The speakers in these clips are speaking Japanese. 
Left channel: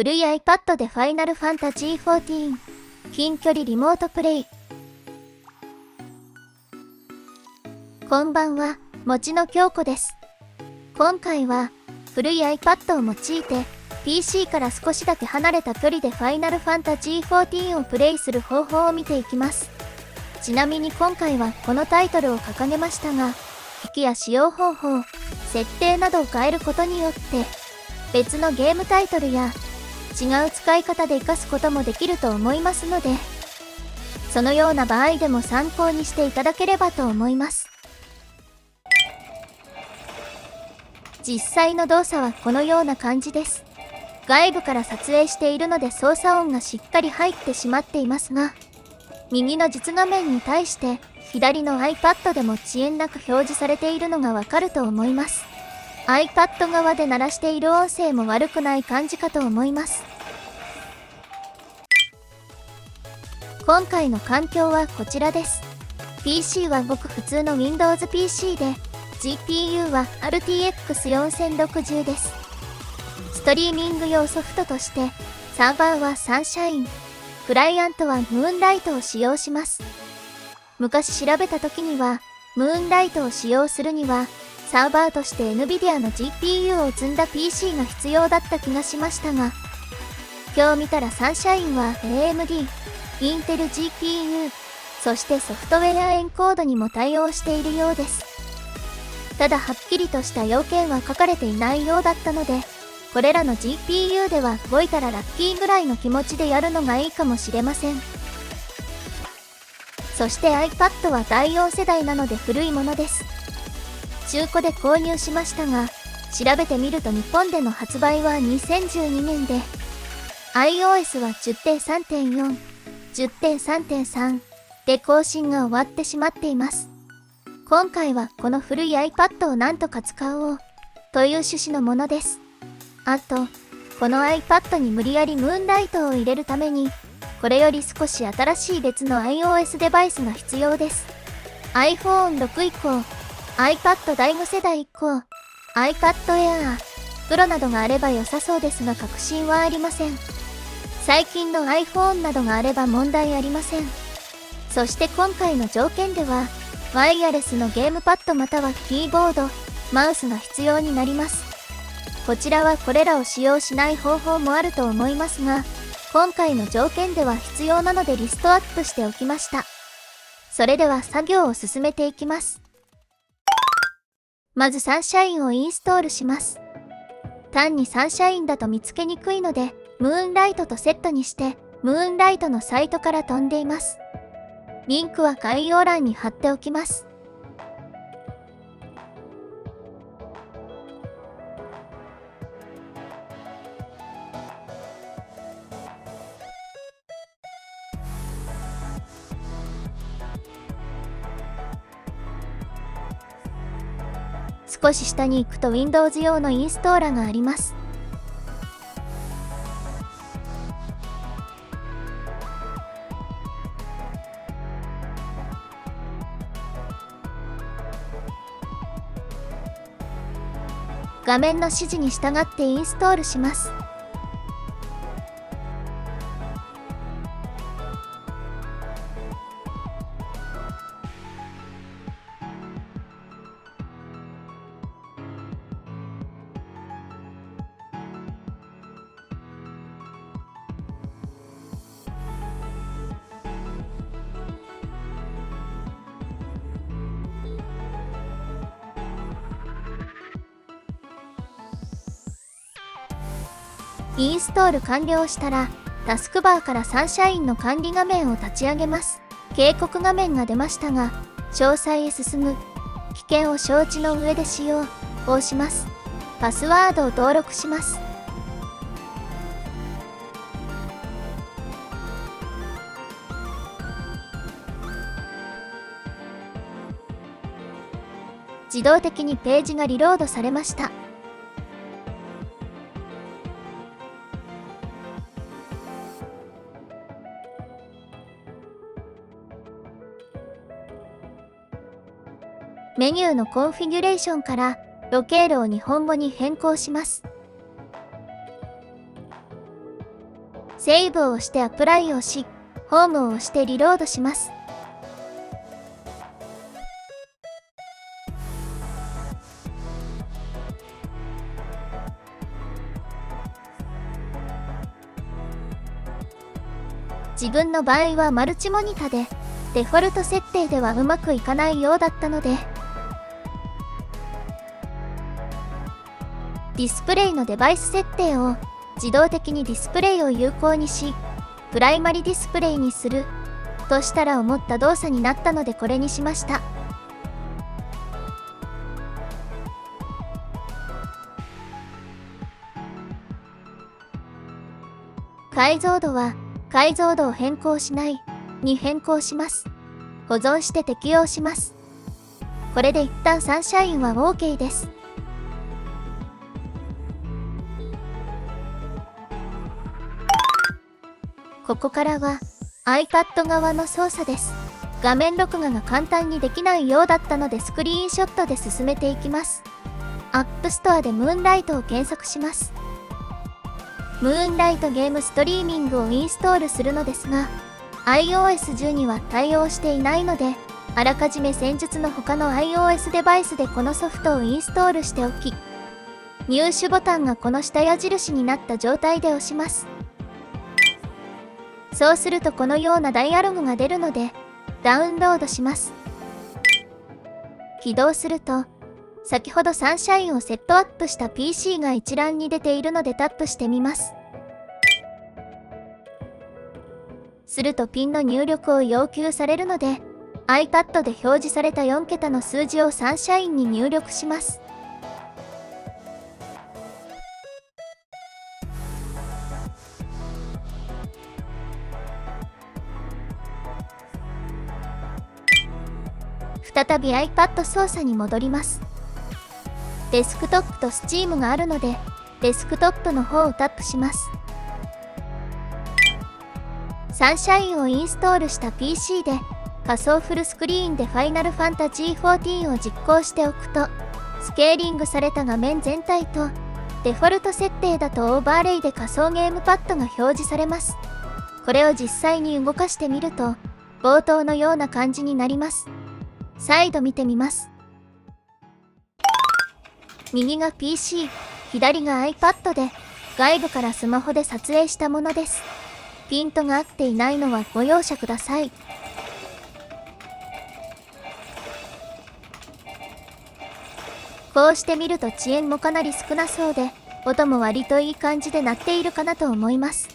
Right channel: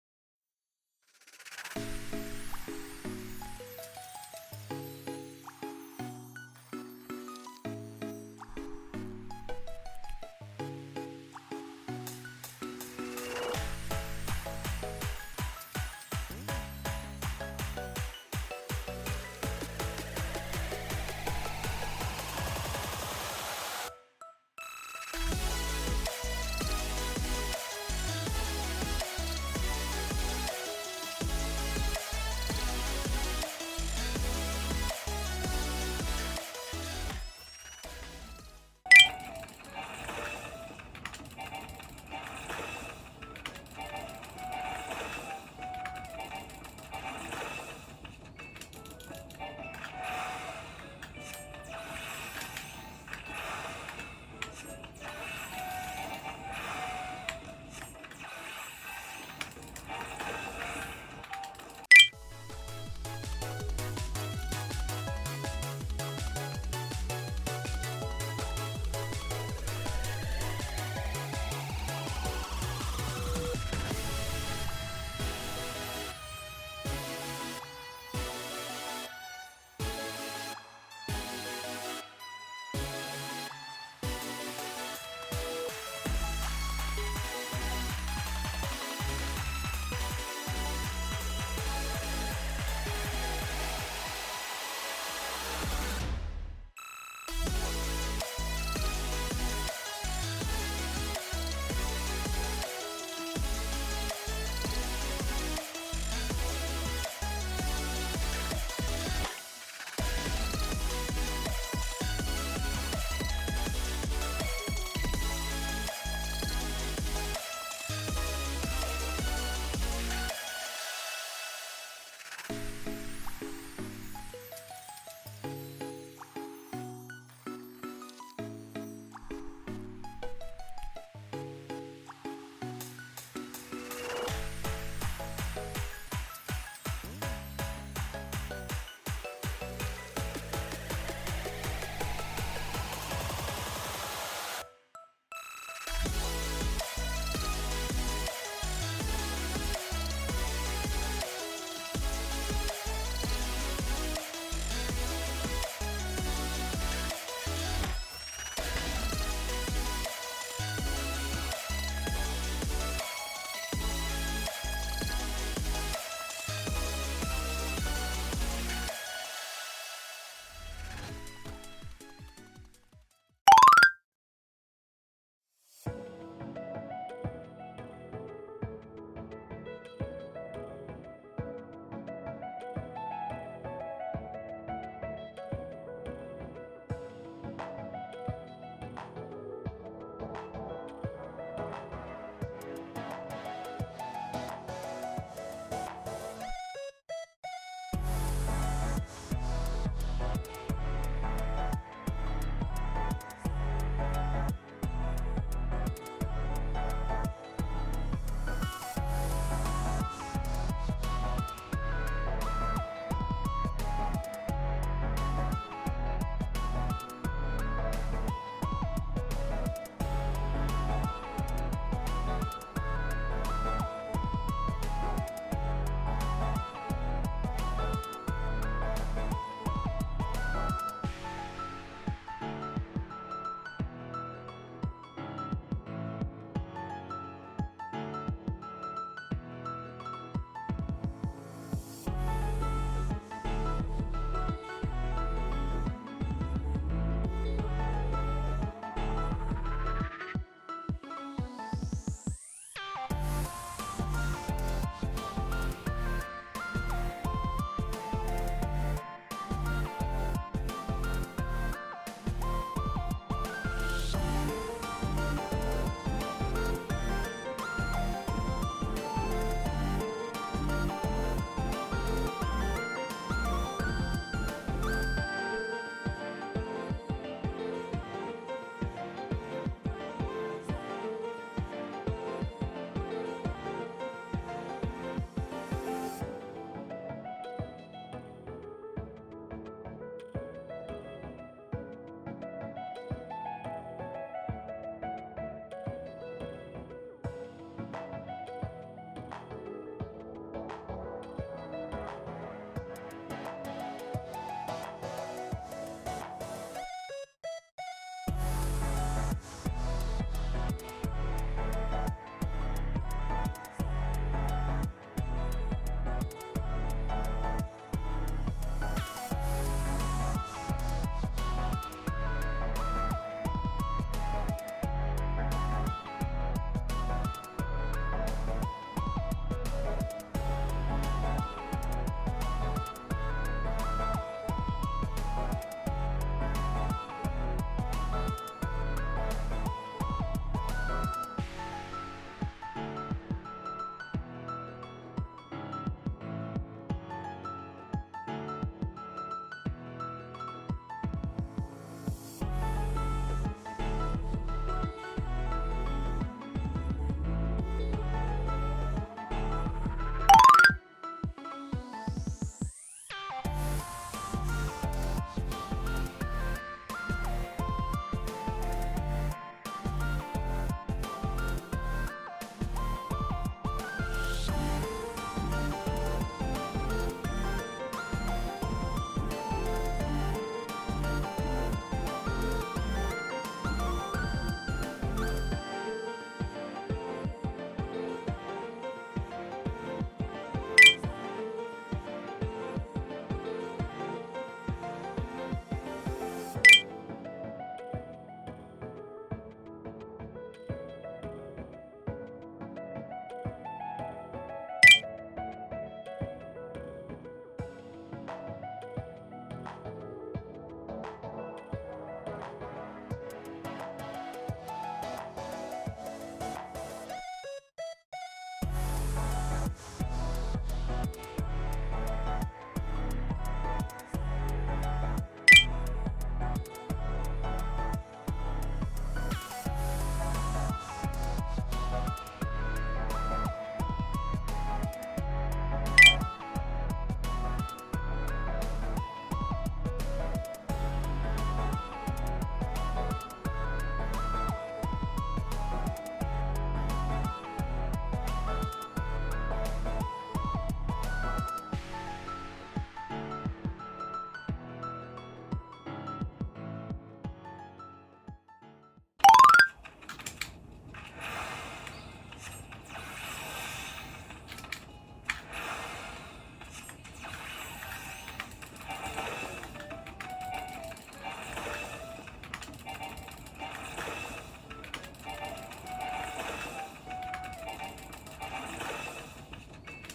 古い iPad でファイナルファンタジー14近距離リモートプレイ。こんばんは、もちの京子です。今回は古い iPad を用いて PC から少しだけ離れた距離でファイナルファンタジー14をプレイする方法を見ていきます。ちなみに今回はこのタイトルを掲げましたが、機器や使用方法、設定などを変えることによって別のゲームタイトルや違う使い方で活かすこともできると思いますので、そのような場合でも参考にしていただければと思います。実際の動作はこのような感じです。外部から撮影しているので操作音がしっかり入ってしまっていますが、右の実画面に対して左の iPad でも遅延なく表示されているのがわかると思います。iPad 側で鳴らしている音声も悪くない感じかと思います。今回の環境はこちらです。 PC はごく普通の Windows PC で GPU は RTX4060 です。ストリーミング用ソフトとしてサーバーはサンシャイン、クライアントはムーンライトを使用します。昔調べた時にはムーンライトを使用するにはサーバーとして NVIDIA の GPU を積んだ PC が必要だった気がしましたが、今日見たらサンシャインは AMD、Intel GPU、そしてソフトウェアエンコードにも対応しているようです。ただはっきりとした要件は書かれていないようだったので、これらの GPU では動いたらラッキーぐらいの気持ちでやるのがいいかもしれません。そして iPad は第4世代なので古いものです。中古で購入しましたが、調べてみると日本での発売は2012年で iOS は 10.3.4、10.3.3 で更新が終わってしまっています。今回はこの古い iPad をなんとか使おうという趣旨のものです。あと、この iPad に無理やりムーンライトを入れるために、これより少し新しい別の iOS デバイスが必要です。iPhone6 以降、iPad 第5世代以降、iPad Air、Pro などがあれば良さそうですが確信はありません。最近の iPhone などがあれば問題ありません。そして今回の条件では、ワイヤレスのゲームパッドまたはキーボード、マウスが必要になります。こちらはこれらを使用しない方法もあると思いますが、今回の条件では必要なのでリストアップしておきました。それでは作業を進めていきます。まずサンシャインをインストールします。単にサンシャインだと見つけにくいので、ムーンライトとセットにして、ムーンライトのサイトから飛んでいます。リンクは概要欄に貼っておきます。少し下に行くと Windows 用のインストーラーがあります。画面の指示に従ってインストールします。インストール完了したら、タスクバーからサンシャインの管理画面を立ち上げます。警告画面が出ましたが、詳細へ進む、危険を承知の上で使用を押します。パスワードを登録します。自動的にページがリロードされました。メニューのコンフィギュレーションからロケールを日本語に変更します。セーブを押してアプライをし、ホームを押してリロードします。自分の場合はマルチモニタで、デフォルト設定ではうまくいかないようだったので、ディスプレイのデバイス設定を自動的にディスプレイを有効にし、プライマリディスプレイにするとしたら思った動作になったのでこれにしました。解像度は解像度を変更しないに変更します。保存して適用します。これで一旦サンシャインは OK です。ここからは iPad 側の操作です。画面録画が簡単にできないようだったのでスクリーンショットで進めていきます。App Store でムーンライトを検索します。ムーンライトゲームストリーミングをインストールするのですが、iOS10 には対応していないので、あらかじめ先日の他の iOS デバイスでこのソフトをインストールしておき、入手ボタンがこの下矢印になった状態で押します。そうするとこのようなダイアログが出るので、ダウンロードします。起動すると、先ほどサンシャインをセットアップした PC が一覧に出ているのでタップしてみます。するとピンの入力を要求されるので、iPad で表示された4桁の数字をサンシャインに入力します。再び iPad 操作に戻ります。デスクトップと Steam があるので、デスクトップの方をタップします。サンシャインをインストールした PC で仮想フルスクリーンで Final Fantasy XIV を実行しておくと、スケーリングされた画面全体とデフォルト設定だとオーバーレイで仮想ゲームパッドが表示されます。これを実際に動かしてみると、冒頭のような感じになります。再度見てみます。右が PC、左が iPad で、外部からスマホで撮影したものです。ピントが合っていないのはご容赦ください。こうして見ると遅延もかなり少なそうで、音も割といい感じで鳴っているかなと思います。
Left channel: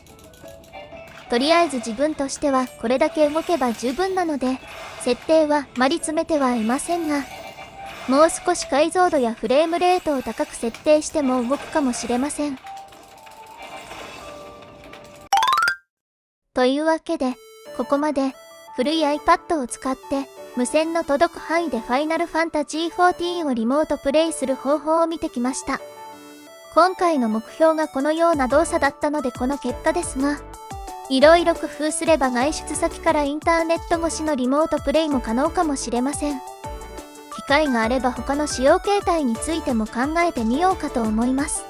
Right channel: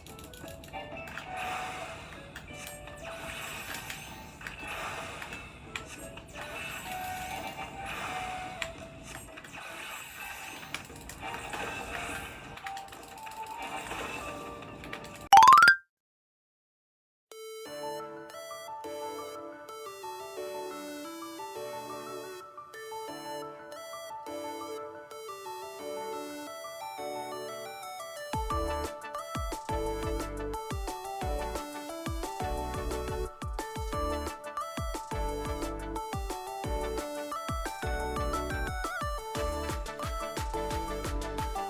とりあえず自分としてはこれだけ動けば十分なので、設定はあまり詰めてはいませんが、もう少し解像度やフレームレートを高く設定しても動くかもしれません。というわけで、ここまで古い iPad を使って無線の届く範囲で Final Fantasy XIV をリモートプレイする方法を見てきました。今回の目標がこのような動作だったのでこの結果ですが、いろいろ工夫すれば外出先からインターネット越しのリモートプレイも可能かもしれません。機会があれば他の使用形態についても考えてみようかと思います。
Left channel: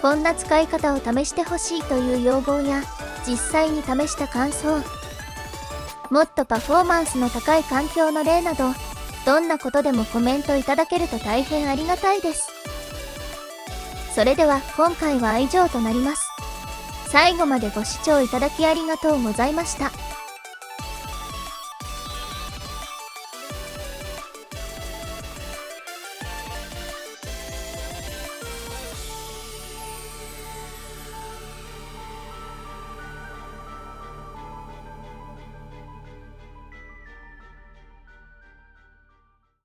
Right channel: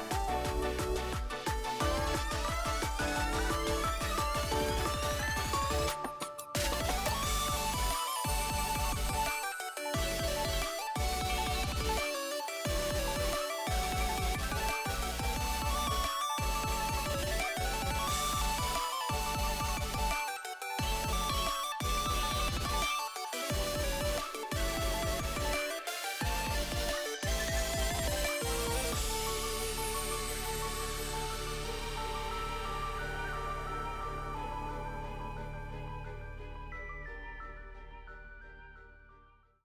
こんな使い方を試してほしいという要望や、実際に試した感想、もっとパフォーマンスの高い環境の例など、どんなことでもコメントいただけると大変ありがたいです。それでは今回は以上となります。最後までご視聴いただきありがとうございました。